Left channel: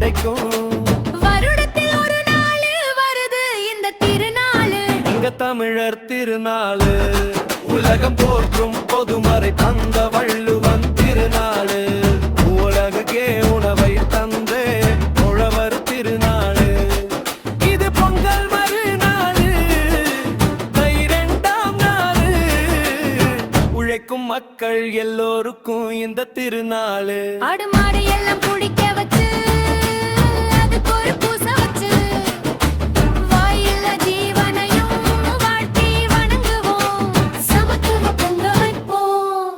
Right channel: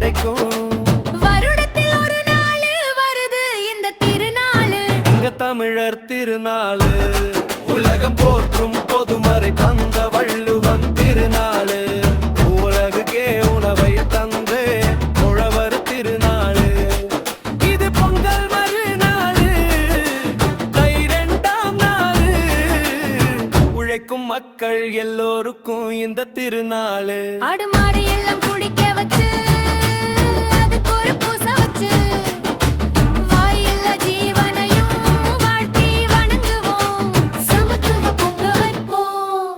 கிடைக்கும். வருடத்தில் ஒரு நாள் வருது இந்த திருநாளு, எங்க தமிழர் திருநாளு. உலகம் போற்றும் பொதுமறை தந்த வள்ளுவன் திருநாளு. உலகுக்கே உணவை தந்து உழவர் திருநாளு. இது பொங்கல் மறுநாளு, தை 2ஆம் நாளு. உழைக்கும் மக்கள் எல்லோருக்கும் இந்த திருநாளு. ஆடு மாடு எல்லாம் குடிக்க வச்சு அதுக்கு ஒரு பூசை வச்சு வாயில்ல ஜீவனையும் வாழ்த்தி வணங்குவோம். சமத்துவ பொங்க வைப்போம்,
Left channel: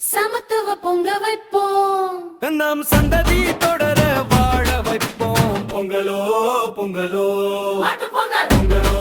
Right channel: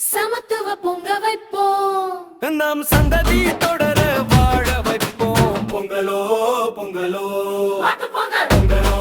சமத்துவ பொங்க வைப்போம். நாம் சந்ததி தொடர வாழ வைப்போம். பொங்கலோ பொங்கலோ பொங்கலோ